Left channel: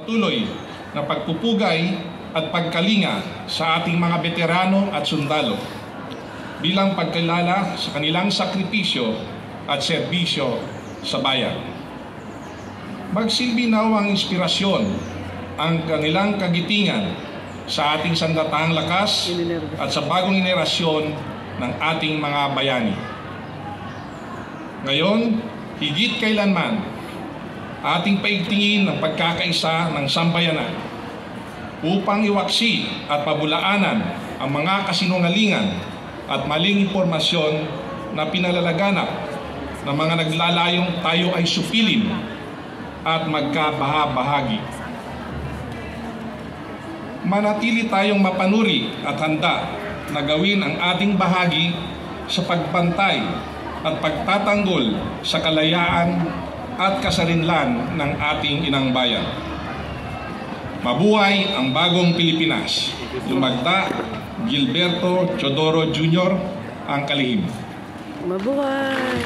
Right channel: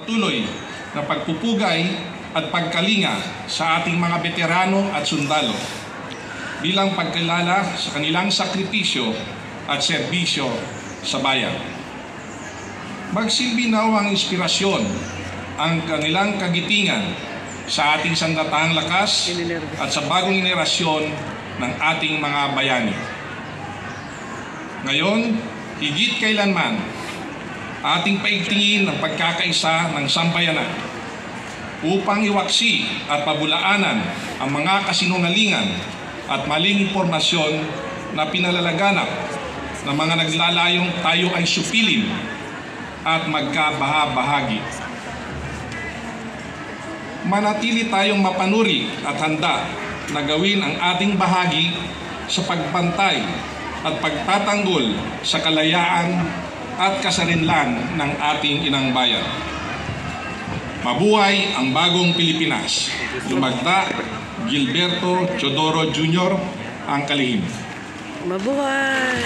Patuloy na pagpupugay at pagkalinga sa ating mga veterano at sundalo bilang pagkilala sa kanilang sakripisyo at serbisyo sa bayan. Magsilbi nawang inspirasyon ang kanilang kagitingan sa ating sandatahang lakas at sa bagong henerasyon ng ating mga bayani. Ngayon, higit kailanman, ating paigtingin ang pagkakaisa ng sambayanan upang iwaksi at pabulaanan ang mga kasinungalingan at maling impormasyon na pinalalaganap ng mga naglalayong tayo ay supilin at magkabaha-bahagi. Manatili tayong mapanuri at handa na gawin ang ating bahagi sa pagbantay at pagtatanggol sa kalayaan at kasarinlan ng ating inang bayan. Mabuhay ang bagong Pilipinas. Lumagda, Gilberto Teodoro Jr. ang kalihim. Mabuhay!